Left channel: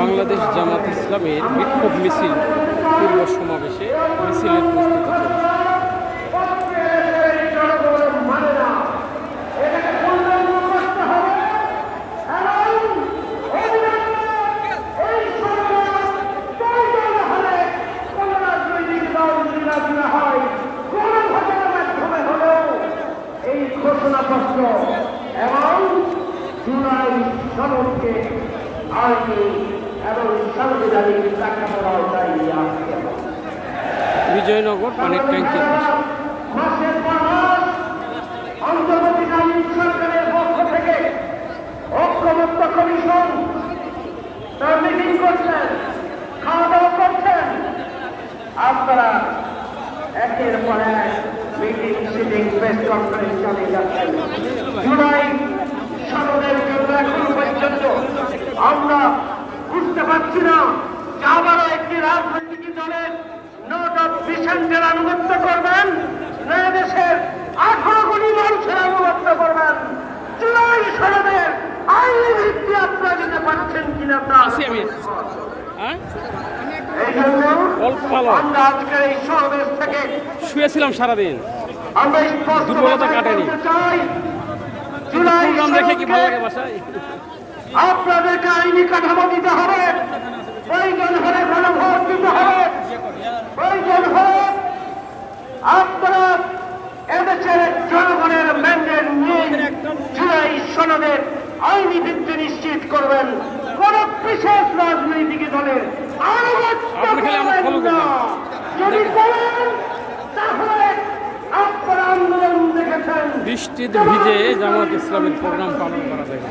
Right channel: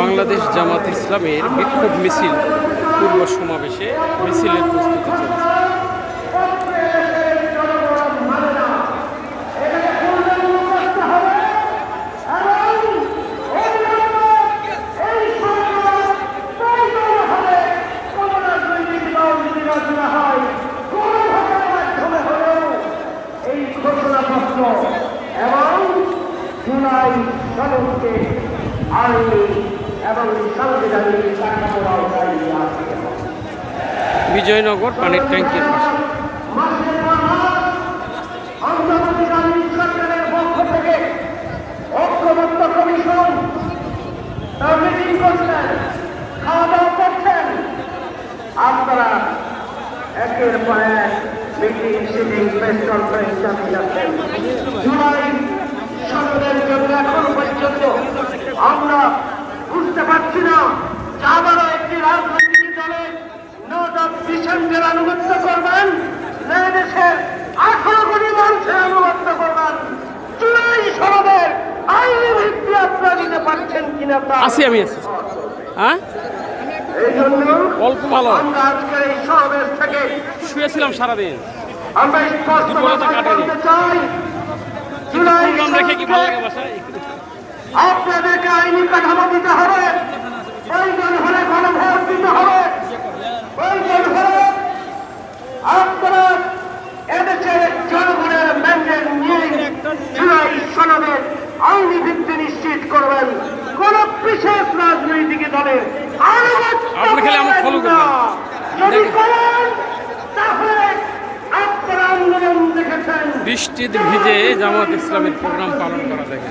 বাংলাদেশ জামাত ইসলামের বিক্ষোভ মিছিল পূর্ব সমাবেশে মিছিলের প্রস্তুতি চলছে। বিজয়নগর পানির ট্যাঙ্কের পাশে ঐক্যমত্য কমিশন মিটিং করছেন, খাওয়া দাওয়া করছেন। আপনারা একের পর এক মিটিং সিটিং প্রেস কনফারেন্স চালিয়ে যাচ্ছেন। জুলাই সনদের জন্য এখন পর্যন্ত আমরা বুঝতে পারছি না আবারও একটি রাজনৈতিক দলের নোট অফ ডিসেন্টের আনুগত্য করবেন, দেশের 18 কোটি মানুষের আনুগত্য করবেন। জুলাই সনদের আইনি ভিত্তি আপনারা দিতে পারছেন কিনা তা এই জন্য অল্প ভালো আমরা আজকের এই সমাবেশ থেকে শুয়েছিলাম সারাদিন, আমরা স্পষ্ট বলতে চাই, জুলাই দেখে কি ভালো লাগে বাসায়। আপনাদেরকে আইনি কাঠামো দিতে হবে, প্রয়োজন হলে গণভোট দিতে হবে, প্রয়োজন হলে আপনারা এদেশের জনগণের ম্যান্ডেট নিয়ে জুলাই সনদের আইনি ভিত্তি নিশ্চিত করবেন। কোন বিশেষ রাজনৈতিক দলের আপনি খালি আমার ফলো করবেন। যদি করেন তাহলে আপনারা আন্দোলন দেখেছেন বৃষ্টিতে ভিজে জামাত ইসলামের প্রোগ্রাম পালন করা যায়।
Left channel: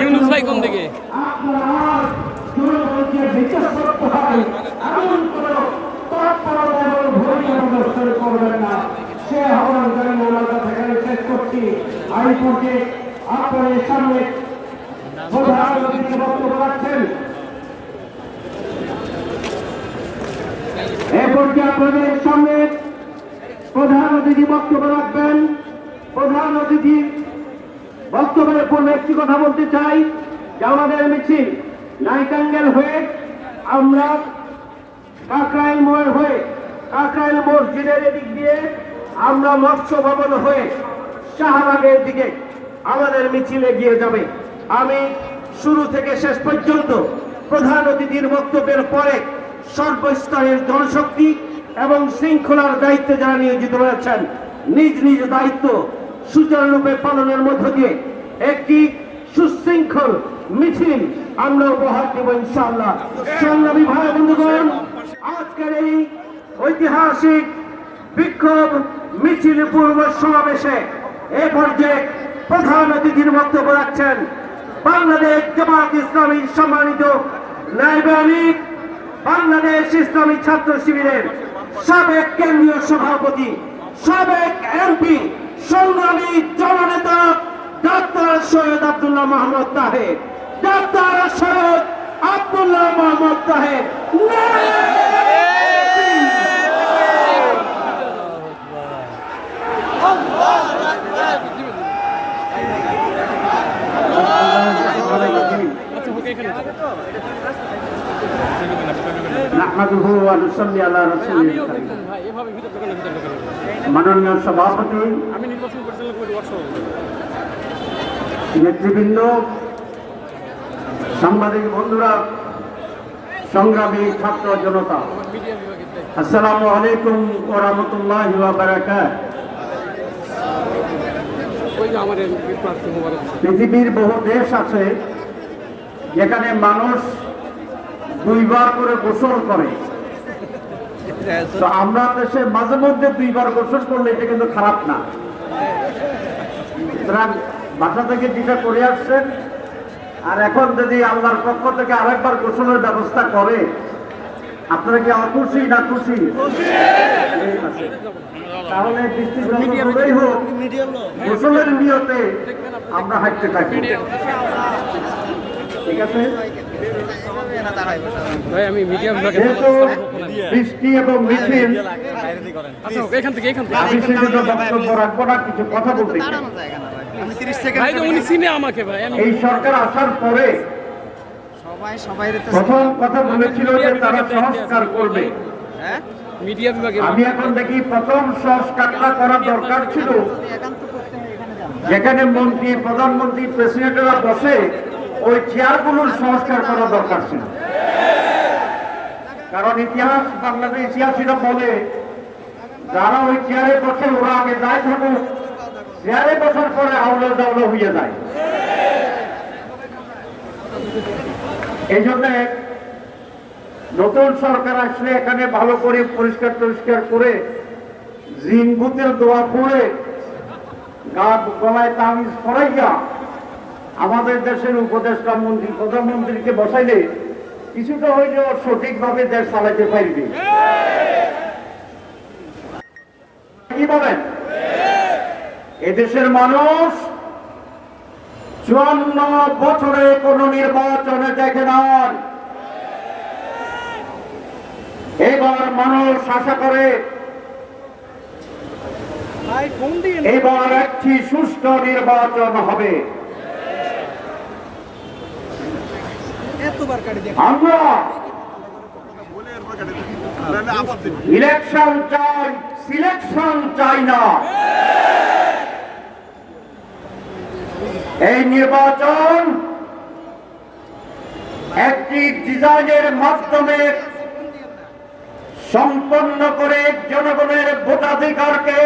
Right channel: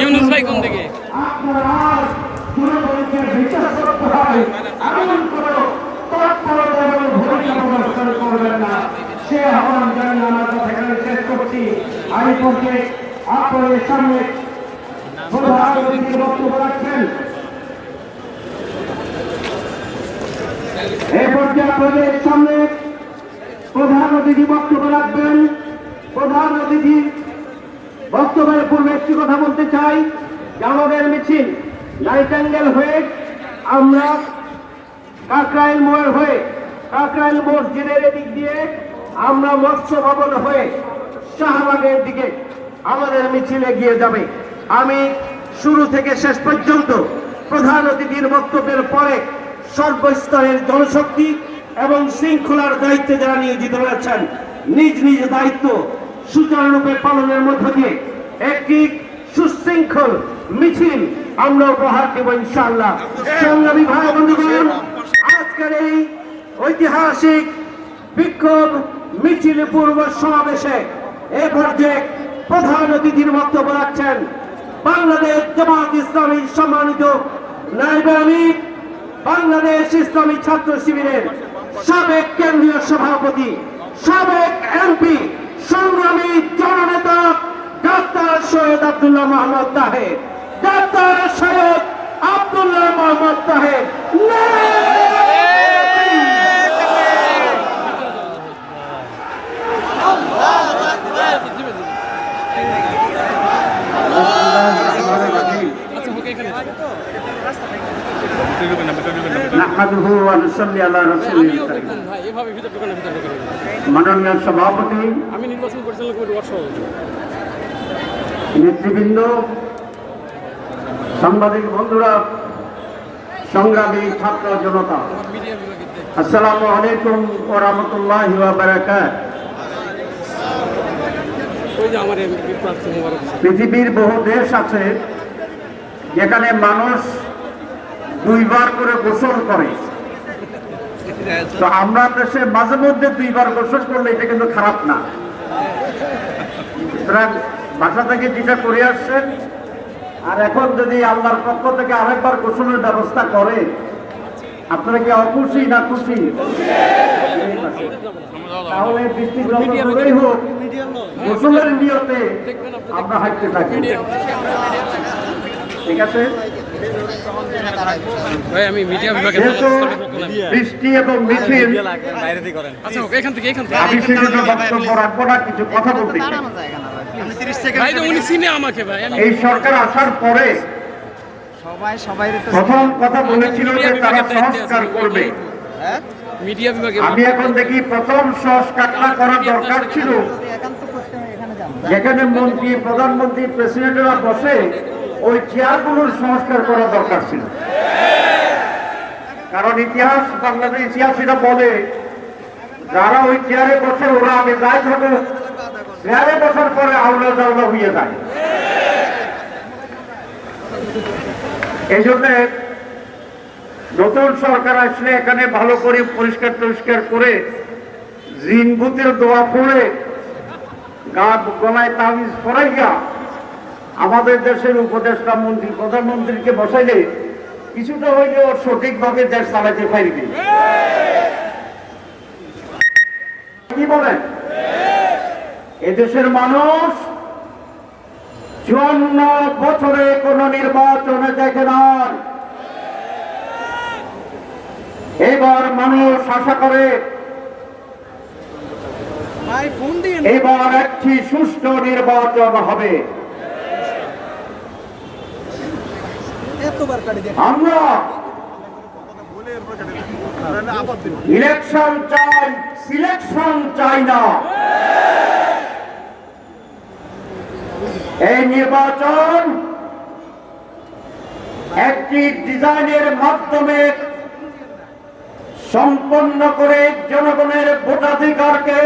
ইউনুস ভাই কোন দিকে? আপনাদের সামনে বক্তব্য রাখছেন। এরপরকে আপনাদের সামনে প্রধান অতিথি বক্তব্য রাখবেন। প্রধান অতিথি বক্তব্যের পূর্বে একটি কথা বলতে চাই যে আমাদের মিছিল নাইটাঙ্গেল হয়ে আমরা কাকরাইল মোড় হয়ে কাকরাইল মসজিদের এদিক দিয়ে আমরা মৎস্য ভবন হয়ে শাহবাগের দিকে আমাদের মিছিল এগিয়ে যাবে। আমি শুরু থেকে শেষ পর্যন্ত প্রধান অতিথির বক্তব্যের পরে সর্বস্তরের জনশক্তি এবং শৃঙ্খলার দায়িত্বে যারা নিয়োজিত রয়েছেন নিজ নিজ দায়িত্ব সুচারুরূপে পালনের মধ্য দিয়ে একটি সুশৃঙ্খল মিছিল আমরা উপহার দেব ইনশাআল্লাহ। সংগ্রামী ভাই বন্ধুগণ, আজকের এই ঐতিহাসিক বিক্ষোভ মিছিল পূর্ব সমাবেশে এ পর্যায়ে প্রধান অতিথির বক্তব্য রাখছেন বাংলাদেশ জামাত ইসলামী সম্মানিত নায়েব আমির, বাংলাদেশ ইসলামী ছাত্র শিবিরের সাবেক কেন্দ্রীয় সভাপতি, সাবেক এমপি, সংগ্রামী জননেতা ডাক্তার সৈয়দ আব্দুল্লাহ মোহাম্মদ তাহের। ডাক্তার সৈয়দ আব্দুল্লাহ মোহাম্মদ তাহের। মাননীয় সভাপতি, নেতৃবৃন্দ, সাংবাদিক বন্ধুরা, সংগ্রামী ছাত্র জনতা, আসসালামু আলাইকুম ওয়া রাহমাতুল্লাহি ওয়া বারাকাতুহু। পৃথিবীর বহু দেশ আছে যেখানে মানুষ 2 বার করে গোসল করে, তো আমরা দেশে মাঝে মধ্যে 2 বার গোসল করলে এটা কিন্তু খারাপ না। সুতরাং বাসা থেকে যেটা করে আসছেন আর এখন যদি আল্লাহর পক্ষ থেকে আরেকবার গোসলের ব্যবস্থা করে, আপনারা কি অখুশি না খুশি? তাহলে বৃষ্টি যতই হোক গোসলের নিয়তে আমরা হাঁটতে থাকি, ঠিক আছে? ভাই আমি মিডিয়া বিভাগে যেহেতু বৃষ্টি এবং মিছিল, আচ্ছা ওকে, এখান থেকে আমি সেজন্য বক্তব্য রাখবো না, কিছু কথা বলতে চাই। ভাই যে উনি চিনে আমাকে ভাই, আমি এই সরকার আসার পরে প্রথম কথা বলেছিল যে মিডিয়া তারা বিভাগের দায়িত্বে সংস্কার আছি। করবে। মিডিয়া বিভাগে আমি এখন দেখি প্রথম সংস্কারটা করা দরকার ছিল যেখানে মন্ত্রী, প্রধানমন্ত্রী, প্রেসিডেন্টরা বসে ওই চেয়ারগুলোর সংস্কার করা দরকার ছিল। কারণ ইতিহাস, বাংলাদেশ ইতিহাসীরা বলে যারা ওই চেয়ারে বসে ওরা আগে যাই থাকুক, চেয়ারে বসার পরে আওলা জাওলা হয়ে যায়। এই জন্য নতুন সরকার আসলে এখানে ভালো করে পরিষ্কার টরিষ্কার করে জিনগুতের দোয়া পড়ে গা গলায় তামিজ পড়াইয়া আমাদের দেশের উপদেষ্টা মন্ত্রী, প্রধানমন্ত্রীকে বসাইলে কিছুটা হইলেও সঠিকভাবে দেশ চালাতে পারবে। কি বলেন? এদেশের মানুষ 54 বছরে কোন নির্বাচনে দেখে নাই। এবার মানুষ আশা করে এবার একটি সুষ্ঠু নির্বাচন হবে। আমরা ইলেকশন চাই, সিলেকশন চাই না। এই নির্বাচন একটি ডিজাইনের মাধ্যমে সম্পন্ন করে জনগণের ভোটাধিকারকে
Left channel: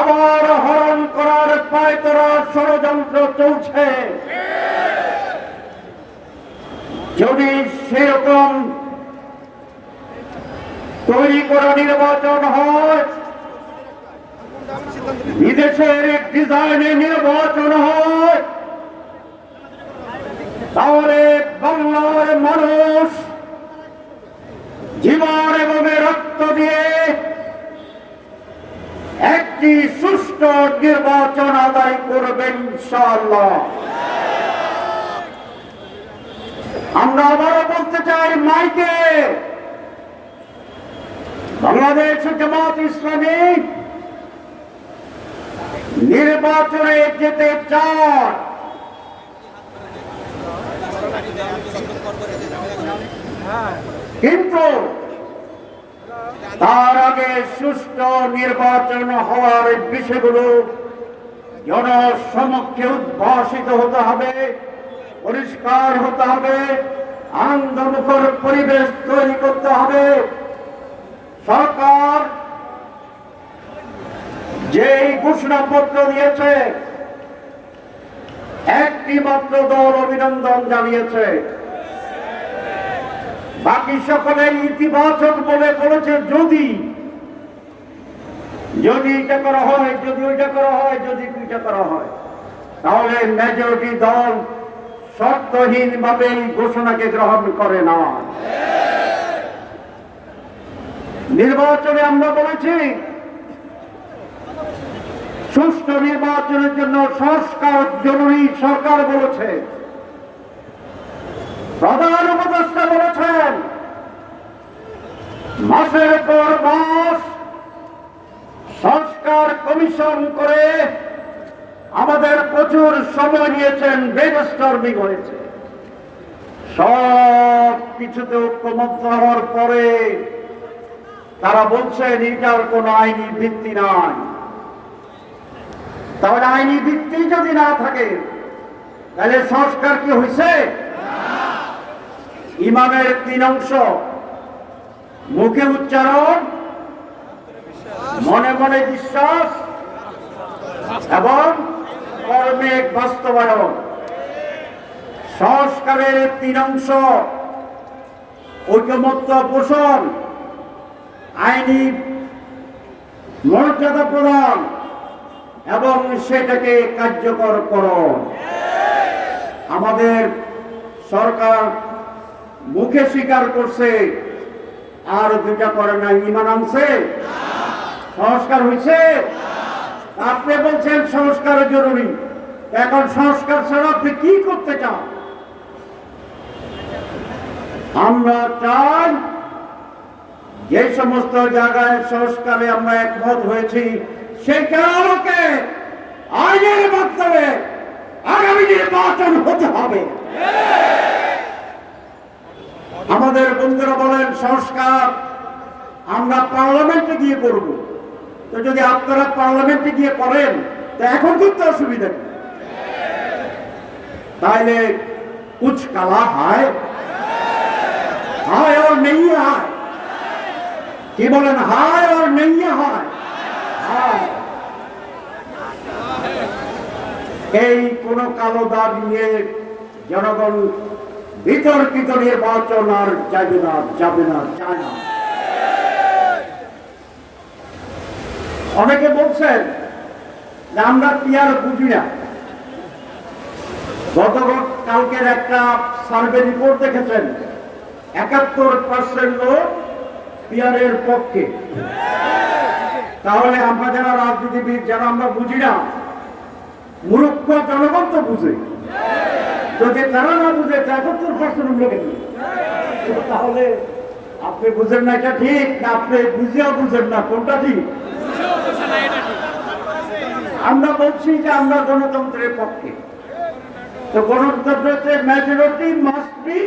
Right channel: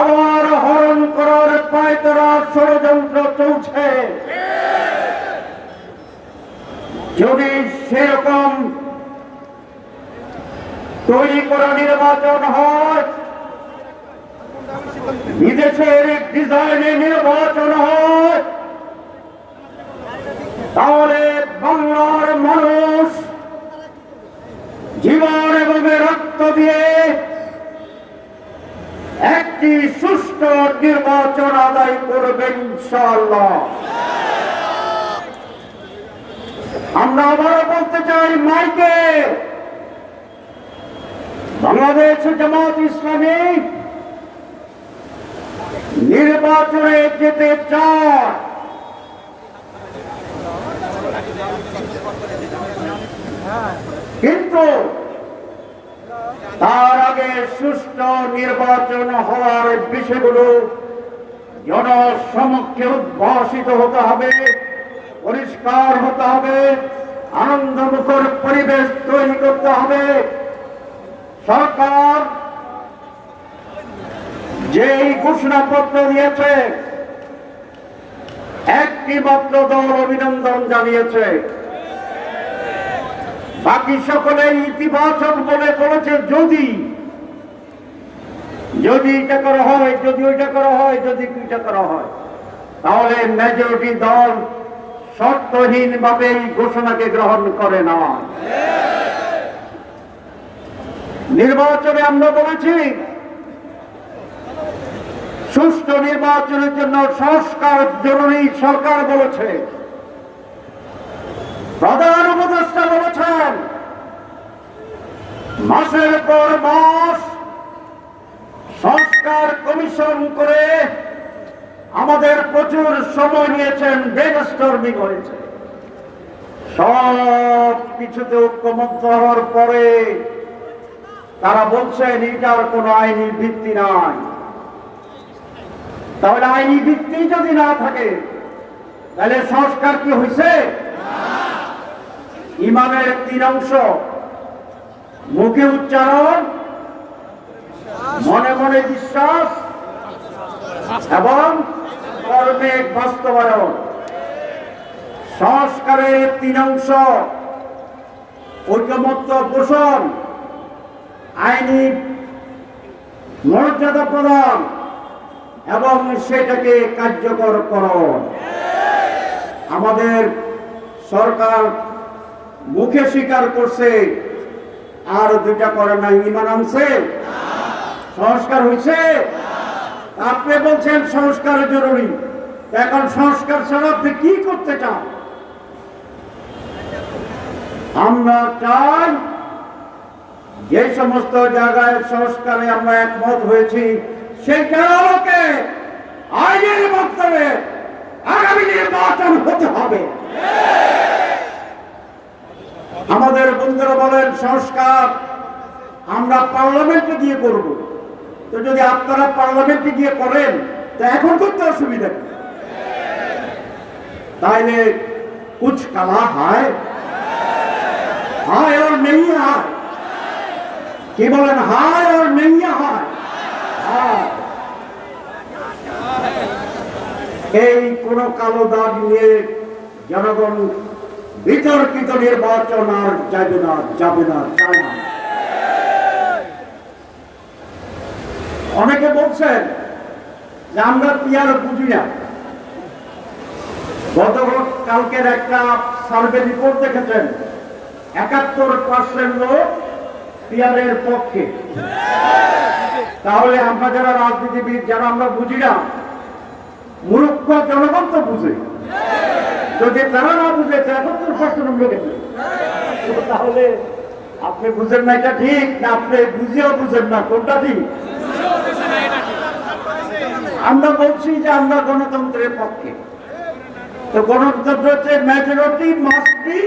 আবার হরণ করার পায়তারা ষড়যন্ত্র চলছে। যদি সেরকম তৈরি করা নির্বাচন হয়, বিদেশের ডিজাইনে নির্বাচন হয়, তাহলে বাংলার মানুষ জীবন এবং রক্ত দিয়ে একটি সুষ্ঠু নির্বাচন আদায় করবেন ইনশাআল্লাহ। আমরা আবারও বলতে চাই মাইকে, বাংলাদেশ জামাত ইসলামী নির্বাচনে যেতে চায়, কিন্তু তার আগে সুষ্ঠু নির্বাচন হওয়ার বিষয়গুলো জনসমক্ষে উদ্ভাসিত হতে হবে, পরিষ্কার হতে হবে, আনন্দমুখর পরিবেশ তৈরি করতে হবে। সরকার যেই ঘোষণাপত্র দিয়েছে, একটি মাত্র দল অভিনন্দন জানিয়েছে, বাকি সকলে ইতিবাচক বলে বলেছে যদি এটা করা হয়, যদি ওইটা করা হয়, যদি দুইটা করা হয়, তাহলে মেজরিটি দল শর্তহীন ভাবে এই ঘোষণাকে গ্রহণ করে না। নির্বাচনে আমরা বলেছি সুষ্ঠু নির্বাচনের জন্য সংস্কার জরুরি। সরকার বলেছে, প্রধান উপদেষ্টা বলেছেন, মাসের পর মাস সংস্কার কমিশন করে আমাদের প্রচুর সময় নিয়েছেন, ব্রেনস্টর্মিং হয়েছে। সব কিছুতে ঐক্যমত্য হওয়ার পরে তারা বলছেন এটার কোন আইনি ভিত্তি নাই। তাহলে আইনি ভিত্তি যদি না থাকে তাহলে সংস্কার কি হয়েছে? ইমামের 3 অংশ, মুখে উচ্চারণ, মনে মনে বিশ্বাস এবং কর্মে বাস্তবায়ন। সংস্কারের 3 অংশ, ঐকমত্য পোষণ, আইনি মর্যাদা প্রদান এবং সেটাকে কার্যকর করণ। আমাদের সরকার মুখে স্বীকার করছে, আর 2টা করে না। ইমান আনছে, সংস্কার হয়েছে। আপনি বলছেন সংস্কার জরুরি, এখন সংস্কার ছাড়া আপনি কি করতে চান? আমরা চাই যে সমস্ত জায়গায় সংস্কারে আমরা একমত হয়েছি সেটার আলোকে আইনের মাধ্যমে আগামী নির্বাচন হতে হবে। আমাদের বন্ধুরা বলেন সংস্কার আমরা পার্লামেন্টে গিয়ে করব, তো যদি আপনারা পার্লামেন্টে গিয়ে করেন তো এখন করতে অসুবিধা নেই, তাহলে कुछ कला है और नहीं है, কি বলেন হায় और नहीं है। এই কোন কালো দাগ নিয়ে জনগণ বিতর্কিত নির্বাচন আর যাবে না চায় না। অনেকে বলছেন যে আমরা পিয়ার বুঝি না। গতকালকের একটা সার্ভে রিপোর্ট দেখেছেন 71% লোক পিয়ারের পক্ষে। তাহলে আমরা যারা রাজনীতিবিদ যারা আমরা বুঝি না, মূর্খ জনগণ তো বুঝে, যদি তারা না বুঝে 73% লোকের, তাহলে আপনি বুঝেন না এটা ঠিক না, আপনি বুঝেও বুঝেন না কোনটা ঠিক। আমরা বলছি যে আমরা গণতন্ত্রের পক্ষে, তো গণতন্ত্র হচ্ছে মেজরিটি মাস্ট বি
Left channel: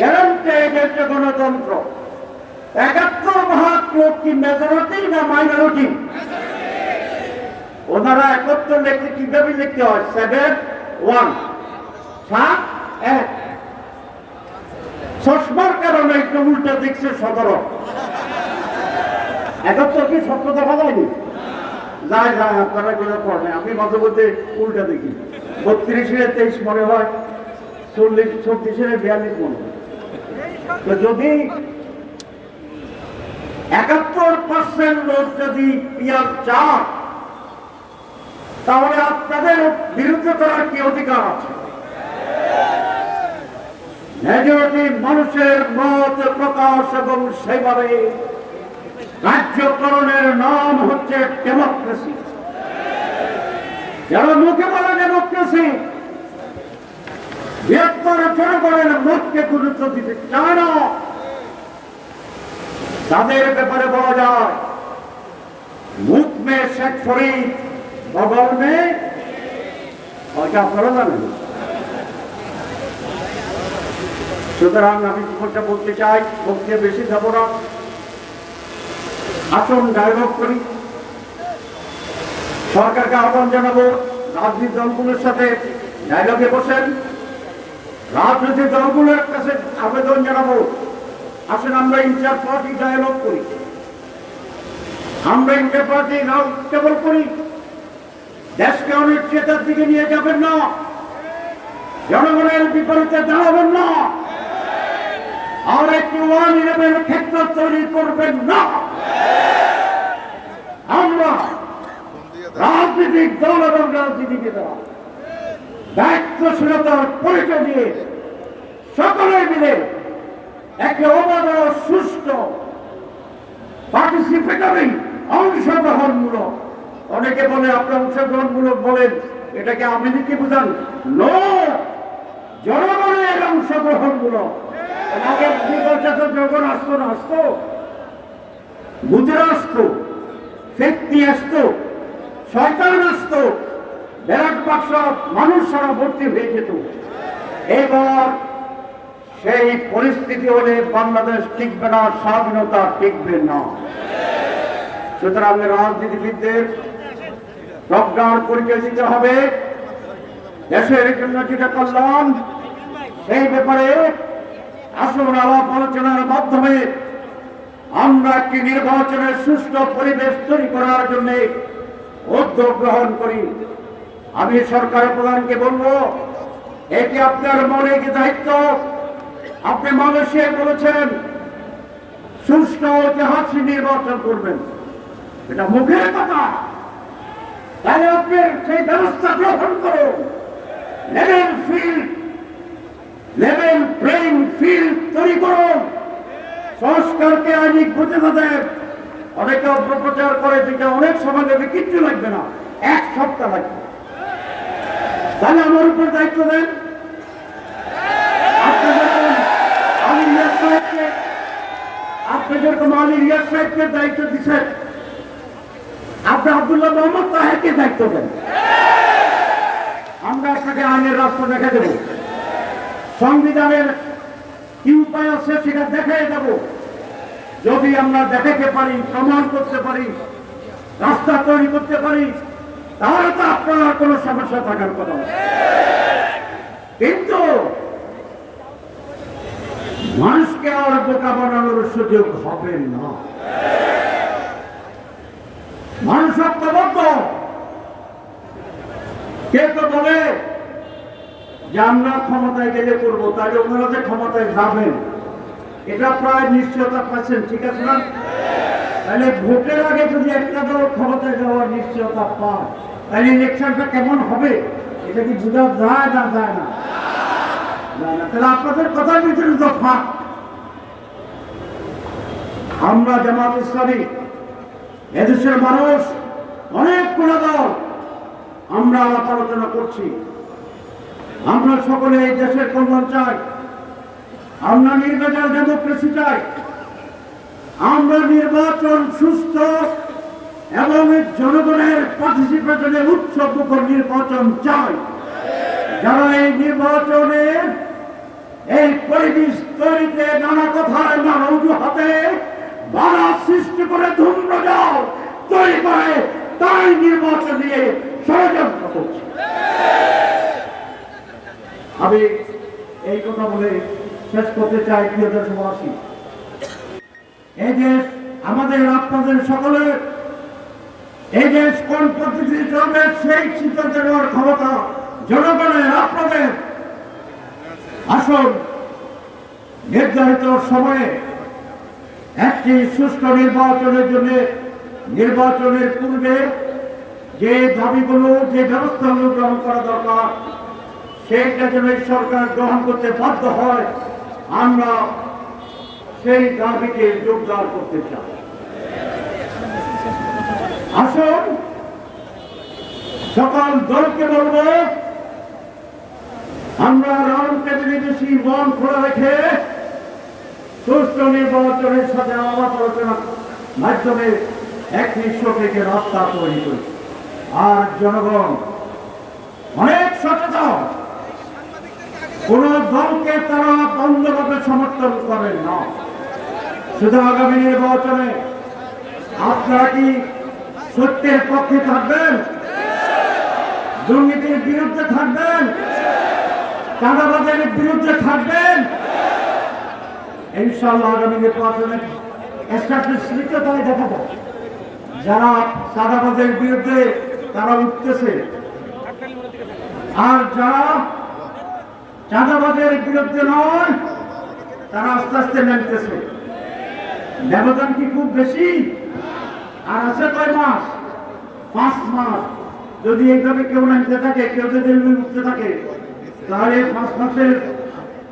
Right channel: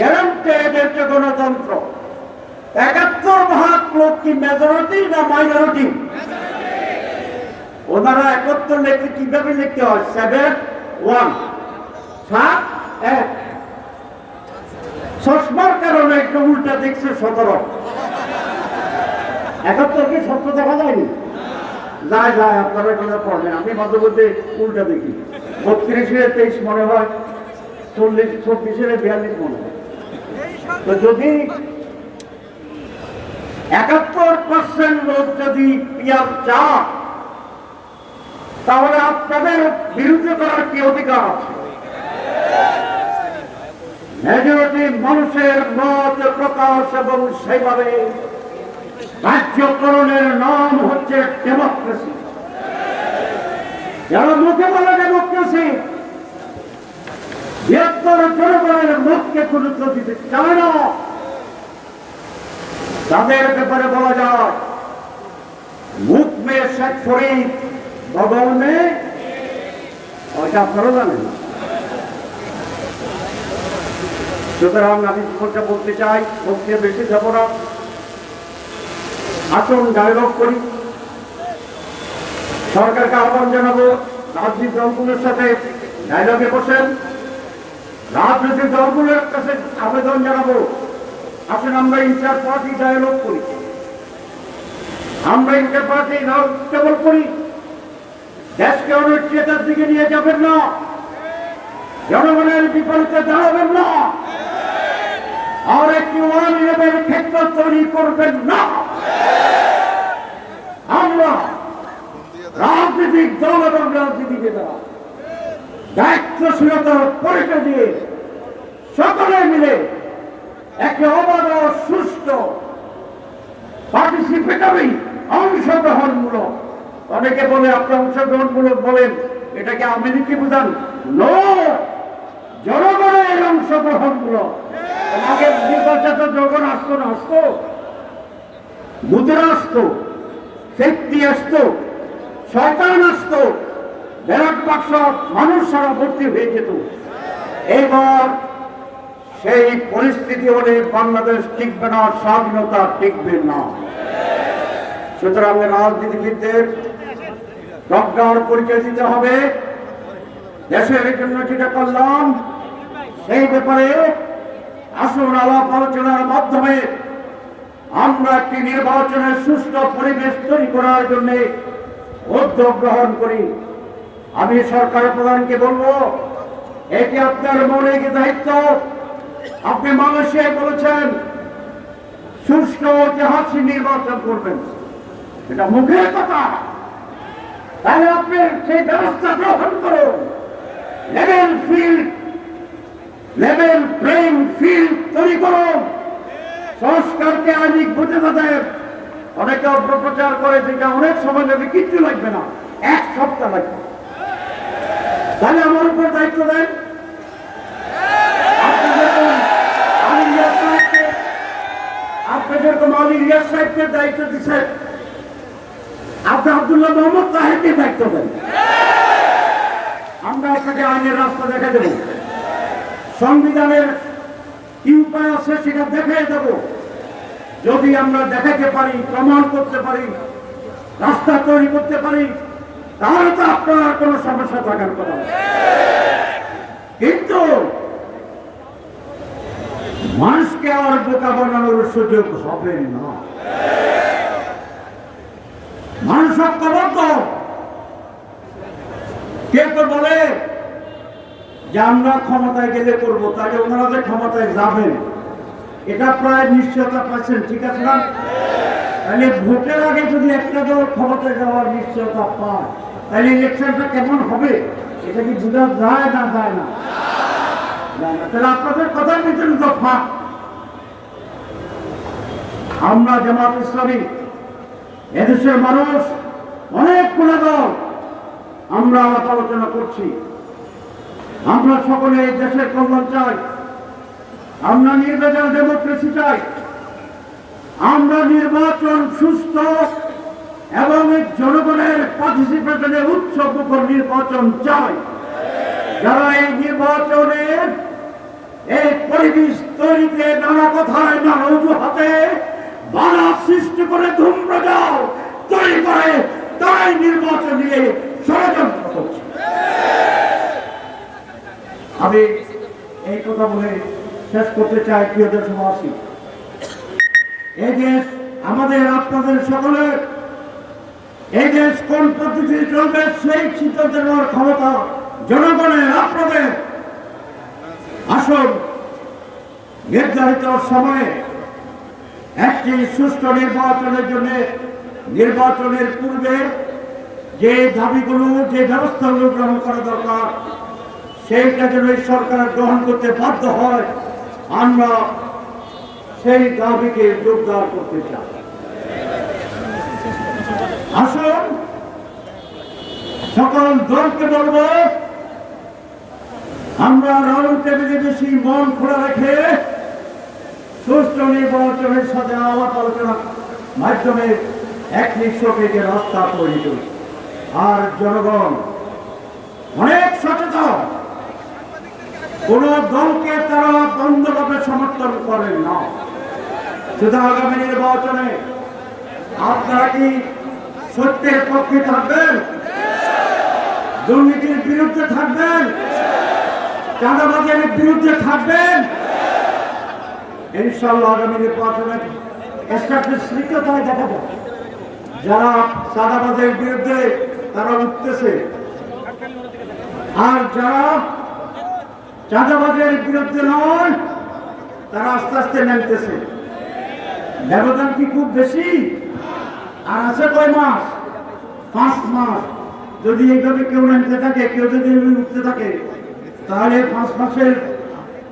গ্যারান্টেড, একটা গণতন্ত্র। 71% লোক কি মেজরিটি না মাইনরিটি? ওনারা 71 লিখতে কিভাবে লিখতে হয়? 7-1 7-1। চশমার কারণে একটু উল্টা দেখছে 17। 71 কি 17 দেখা যায়নি? যায় যায়, আপনারা এগুলো পড়বেন, আমি মাঝে মধ্যে উল্টা দেখি। 32-23 মনে হয়, 40-24-42 মনে হয়। তো যদি 71% লোক যদি পিয়ার চান, তাহলে আপনাদের বিরুদ্ধে করার কি অধিকার আছে? মেজরিটি মানুষের মত প্রকাশ এবং সেইভাবে রাজ্যকরণের নাম হচ্ছে ডেমোক্রেসি। যারা মুখে বলে ডেমোক্রেসি, বৃহত্তর জনগণের মতকে গুরুত্ব দিতে চায় না, তাদের ব্যাপারে বলা যায় মুখ মে শেখ ফরিদ বগল মে, ওটা আপনারা জানেন। সুতরাং আমি কোনটা বলতে চাই, বক্তব্য বেশি যাব না, আসুন ডায়লগ করি। সরকারকে আহ্বান জানাবো রাজনৈতিক দলগুলোর সাথে ডায়লগে বসেন। রাজনৈতিক দলগুলোর কাছে আবেদন জানাবো, আসুন আমরা ইন্টার পার্টি ডায়ালগ করি, আমরা ইন্টার পার্টি রাউন্ড টেবল করি। দেশকে অনিশ্চয়তার দিকে নিয়ে যাবেন না, জনগণের বিপরীতে দাঁড়াবেন না, আর একটি 1-11 ক্ষেত্র তৈরি করবেন না। আমরা রাজনৈতিক দল এবং রাজনীতিবিদরা দায়িত্বশীলতার পরিচয় দিয়ে সকলে মিলে একটা অবাধ ও সুষ্ঠু পার্টিসিপেটরি অংশগ্রহণমূলক, অনেকে বলে আপনি অংশগ্রহণমূলক বলেন, এটাকে আমেরিকি বুঝান? নো, জনগণের অংশগ্রহণমূলক। আগের নির্বাচন তো জনগণ আসতো না, আসতো বুথেরা আসতো, ফেক্তি আসতো, সরকার আসতো, ব্যালট বাক্স মানুষ সারা ভর্তি হয়ে যেত। এবার সেই পরিস্থিতি হলে বাংলাদেশ টিকবে না, স্বাধীনতা টিকবে না। সুতরাং রাজনীতিবিদদের প্রজ্ঞার পরিচয় দিতে হবে। দেশের জন্য যেটা করলাম সেই ব্যাপারে আসুন আলাপ আলোচনার মাধ্যমে আমরা একটি নির্বাচনের সুষ্ঠু পরিবেশ তৈরি করার জন্য উদ্যোগ গ্রহণ করি। আমি সরকার প্রধানকে বলবো, এটি আপনার মৌলিক দায়িত্ব। আপনি মানুষে বলেছেন সুষ্ঠু ঐতিহাসিক নির্বাচন করবেন, এটা মুখের কথা, তাই আপনি সেই ব্যবস্থা গ্রহণ করুন। লেভেল প্লেইং ফিল্ড তৈরি করুন। সংস্কারকে আইনিক বুঝে দেন। অনেকে অপপ্রচার করে যেটা অনেক সময় লাগবে, কিচ্ছু লাগবে না, 1 সপ্তাহ লাগবে। তাহলে আমার উপর দায়িত্ব দেন। আমি মাওলানা ইলিয়াস সাহেবকে দায়িত্ব দিচ্ছেন, আপনি আব্দুল্লাহ মোহাম্মদ তাহেরকে দায়িত্ব দেন। আমরা আপনাকে আইনের রাস্তা দেখা দেব, সংবিধানের কি উপায় আছে সেটা দেখাই দেব। যদি আমরা দেখাতে পারি, প্রমাণ করতে পারি, রাস্তা তৈরি করতে পারি, তাহলে তো আপনার কোনো সমস্যা থাকার কথা না। কিন্তু মানুষকে আর বোকা বানানোর সুযোগ হবে না। মানুষ ঐক্যবদ্ধ। কেউ তো বলে যে আমরা ক্ষমতায় গেলে করবো, তাহলে ওনারা যে ক্ষমতায় যাবেন এটা প্রায় নিশ্চয়তা পাচ্ছেন, ঠিক আছে না? তাহলে ভোটের আগে যদি একটা দল ক্ষমতায় যাওয়ার নিশ্চয়তা পায়, তাহলে ইলেকশনটা কেমন হবে এটা কি বোঝা যায় না? যায় না? তাহলে আপনাদের কথার ভিতরে তো ফাঁক। আমরা জামাত ইসলামী, এদেশের মানুষ অনেকগুলো দল, আমরা আলাপ আলোচনা করছি। আমরা সকলে এই দেশের কল্যাণ চাই, আমরা নির্বাচন ডেমোক্রেসি চাই, আমরা নির্বাচন সুস্থ এবং জনগণের পার্টিসিপেশনে উৎসবমুখর নির্বাচন চাই। যারা এই নির্বাচনের এই পরিবেশ তৈরিতে নানা কথায় নানা অজুহাতে বাধা সৃষ্টি করে ধূম্রজাল তৈরি করে, তারাই নির্বাচন নিয়ে ষড়যন্ত্র করছে। আমি এই কথা বলে শেষ করতে চাই, প্রিয় দেশবাসী, এই দেশ আমাদের, আপনাদের সকলের। এই দেশ কোন পদ্ধতিতে চলবে সেই সিদ্ধান্ত নেওয়ার ক্ষমতা জনগণের, আপনাদের। আসল নির্ধারিত সময়ে একটি সুষ্ঠু নির্বাচনের জন্য নির্বাচনের পূর্বে যে দাবিগুলো, যে ব্যবস্থাগুলো গ্রহণ করা দরকার, সেইটা যেন এই সরকার গ্রহণ করতে বাধ্য হয়, আমরা সেই দাবিকে জোরদার করতে চাই। আসুন সকল দলকে বলবো, আমরা রাউন্ড টেবিলে বেশি মন খোলা রেখে সুষ্ঠু নির্বাচনের সাথে আলাপ আলোচনার মাধ্যমে একটি সঠিক রাস্তা তৈরি করি। আর জনগণ অনেক সচেতন, কোন দলকে তারা বন্ধভাবে সমর্থন করেন না। শুধু আগামী নির্বাচনে আপনারা কি সত্যের পক্ষে থাকবেন? দুর্নীতির বিরুদ্ধে থাকবেন? চাঁদাবাজের বিরুদ্ধে থাকবেন? ইনশাআল্লাহ আগামী নির্বাচনে স্বীকৃততায় দেখাবো। যারা চাঁদাবাজের বিরুদ্ধে তারা উঠতেছে, আর যারা চাঁদাবাজের বিরুদ্ধে নয় তারা আস্তে আস্তে নামতেছে। ব্যবধান কি খুব বেশি? আর আছে কয় মাস? 5 মাস। যদি এইভাবে কেউ নামতে থাকে, কেউ যদি উঠতে থাকে, তাহলে 5 মাসের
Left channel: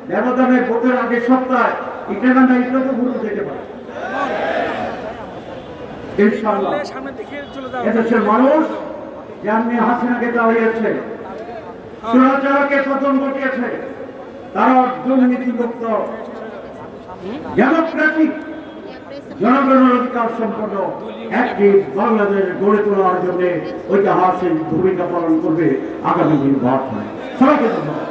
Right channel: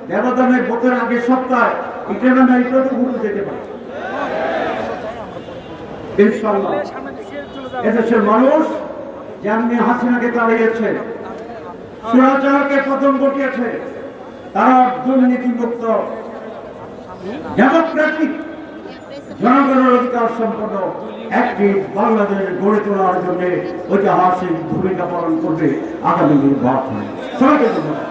ব্যবধানে ভোটের আগের সপ্তাহে এটা না এটা তো ভুলে যেতে পারে। ইনশাআল্লাহ এদেশের মানুষ যেমনি হাসিনাকে দাঁড়িয়েছে, স্বৈরাচারকে পতন ঘটিয়েছে, তারা দুর্নীতিমুক্ত ডেমোক্রেটিক জনগণের অধিকার সম্পন্ন একটি বাংলাদেশ গড়ে তোলার জন্য ঐতিহাসিক ভূমিকা পালন করবে আগামী নির্বাচনে। সবাইকে ধন্যবাদ।